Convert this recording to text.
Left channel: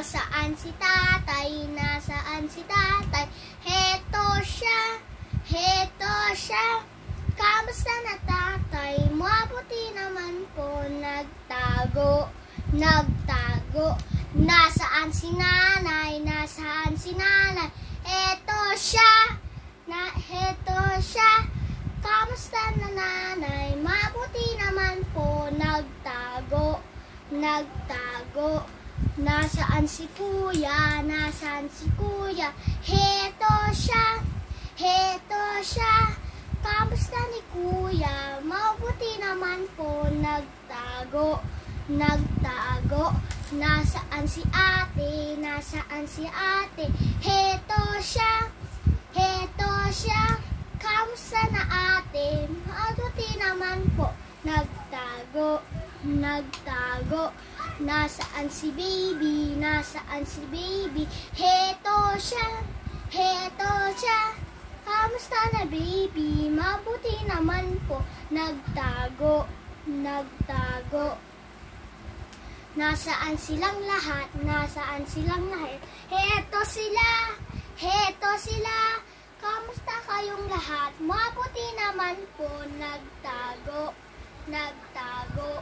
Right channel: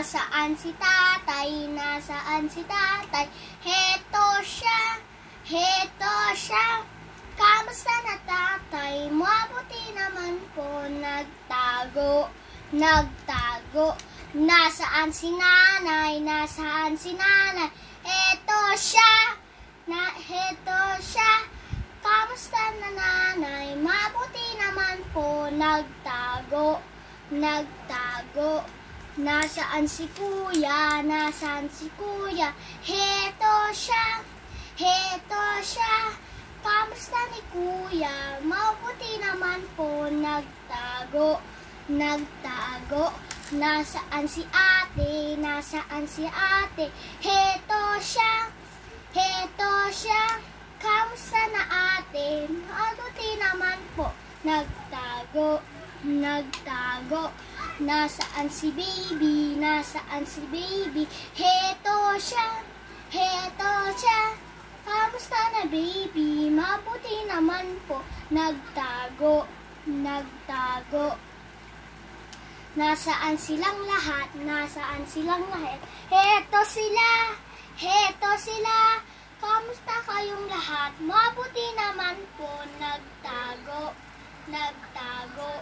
Nasaan si tatay? Nasaan si tatay? Heto siya, heto siya. Kamusta na tatay? Mabuti naman po, nagtago, nagtago. Nasaan si nanay? Nasaan si nanay? Heto siya, heto siya. Kamusta na nanay? Mabuti naman po, nagtago, nagtago. Nasaan si kuya? Nasaan si kuya? Heto siya, heto siya. Kamusta ni kuya? Mabuti naman po, nagtago, nagtago. Nasaan si ate? Nasaan si ate? Heto siya, heto siya. Kamusta na ate? Mabuti naman po, nagtago, nagtago. Nasaan si baby? Nasaan si baby? Heto siya, heto siya. Kamusta na baby? Mabuti naman po, nagtago, nagtago. Nasaan silang lahat? Nasaan silang lahat? Heto sila, heto sila. Kamusta kayong lahat? Mabuti naman po, nagtago, nagtago.